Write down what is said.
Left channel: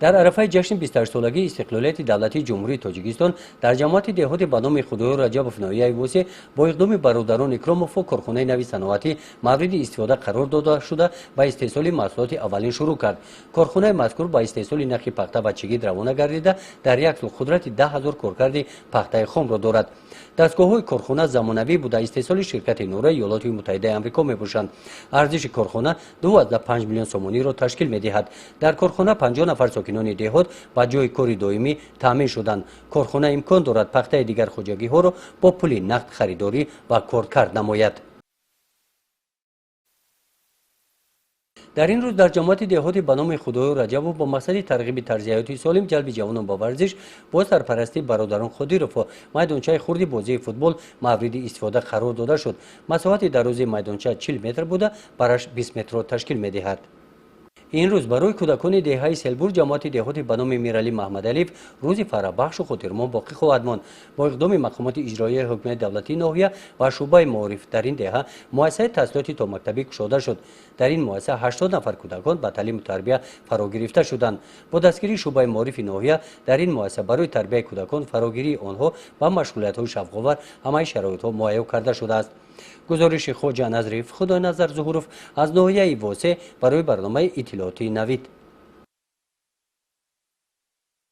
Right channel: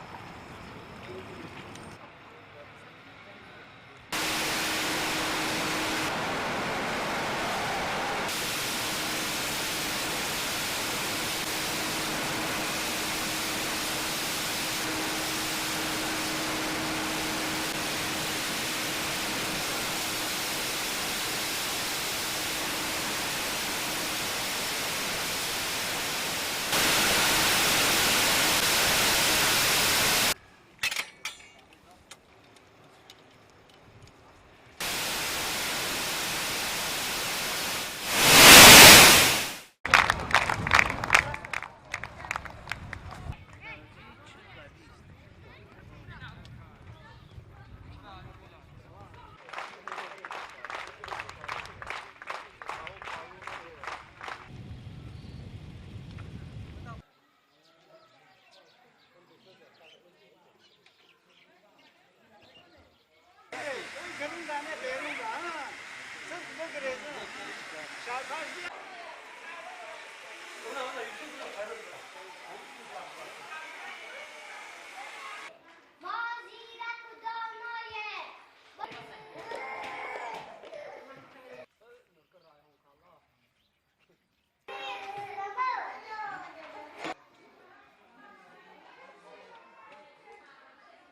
در عرفه جشن 28 سالگی استقلالیت دولتی جمهوری تاجیکستان در جماعت دهات به نام خدای رجب کنایی موسی با اقدام برادران پروموفو کارخانه نوی صنعتی مورد استفاده قرار داده شده و استحصال محصولات اولین شروع کرد. کارخانه مسئول با استحصال نفت پخته بچگی روانه گردیده در یک قدرت 10,000 کارکرد پخته خام را دارد. دستگاه‌های کارخانه زمانوی بوده استحصال شرکت نوره ایالات متحده آمریکا می‌باشند. ارزش کارخانه 2.5 میلیون سومانی را تشکیل می‌دهد. در کارخانه 50 نفر ساکنان دهات با جای کاری دائمی تامین شدند. کارخانه امکان دارد پخته دیگر خوجگی‌ها را با پول نقد خریداری و کارکرد نماید. در این روز در جماعت دهات به نام خدای رجب با مقصد ترغیب طرز حیاتی سالم جلب جوانان با ورزش با سرپرستی برادران خدیروف میدانچه خردی بازی فوتبال مورد استفاده قرار داده شد. مساحت دروازه میدانچه 40 متر بوده، برش 20 متر را تشکیل می‌دهد. این روز برای کودکان دهه سلبور جماعت دهات به نام میرعلی محمدعلیف روز فرحبخش و خاطرمان باقی خواهد ماند. با اقدام مقامات اجرایی حکومت دولتی ناحیه و شعبه معارف در این دهه مؤسسه تحصیلات تا مکتبی گشوده شد. در این مؤسسه 80 نفر کودکان به تعلیم و تربیت فرا گرفته شدند. با دستگیری شعبه معارف ناحیه در این مؤسسه برای تربیت کودکان فراگیری آنها و مشغولیت‌های شوق‌آور همه شرایط‌ها مهیا کرده شده است. گزارش خواجه نظریف خدای نظر ظهورов از ناحیه واسه برای برنامه اطلاعاتی نوید.